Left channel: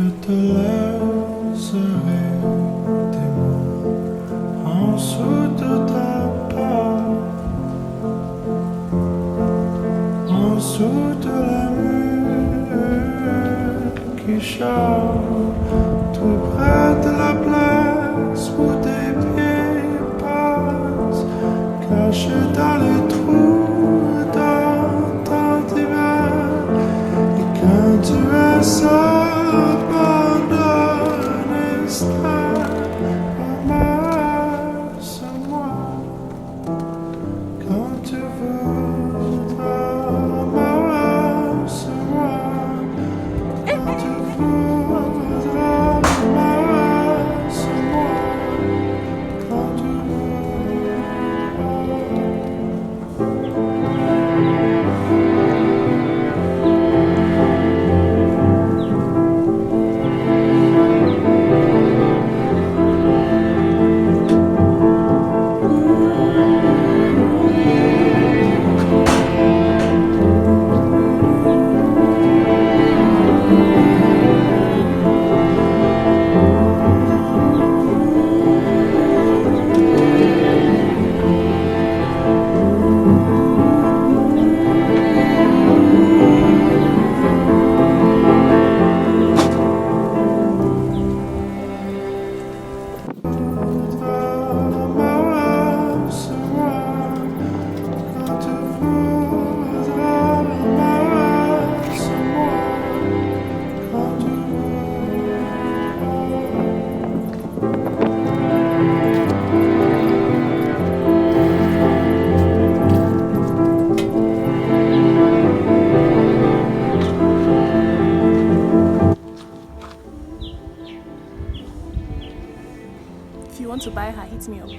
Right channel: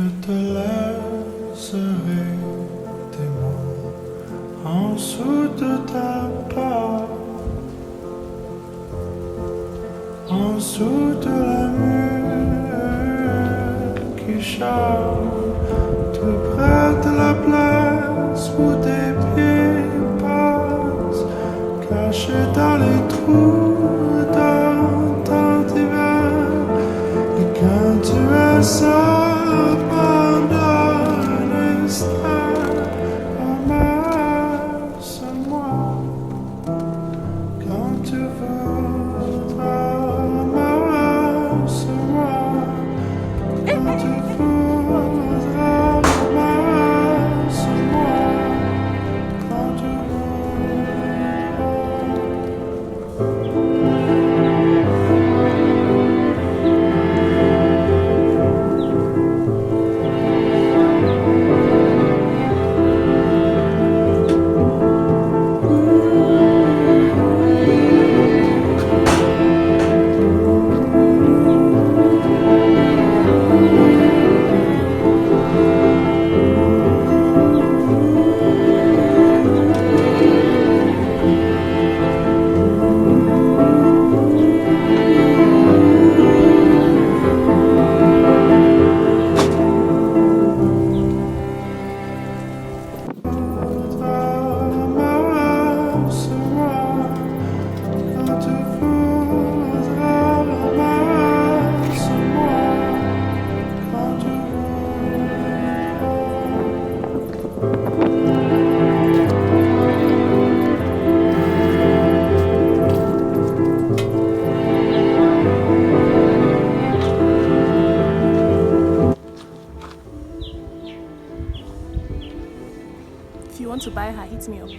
Je te laisserai tes mots en dessous de ta porte, en dessous de la mur qui chante, tout près de la place où tes pieds passent, cachés dans les trous dans ton divan. Et quand tu es seul, abandonné, ramasse-moi quand tu voudras, ramasse-moi quand tu voudras, ramasse-moi quand tu If you want to buy her, hit me up.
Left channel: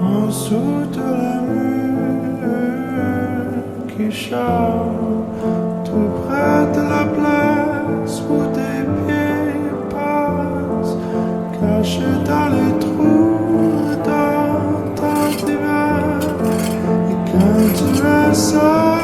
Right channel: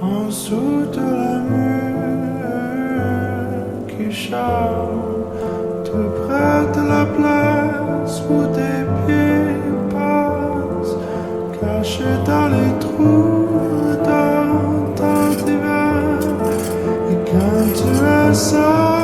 en dessous de la mur qui chante, tout près de la place où tes pieds passent, cachés dans les trous dans ton divan. Et quand tu es seul,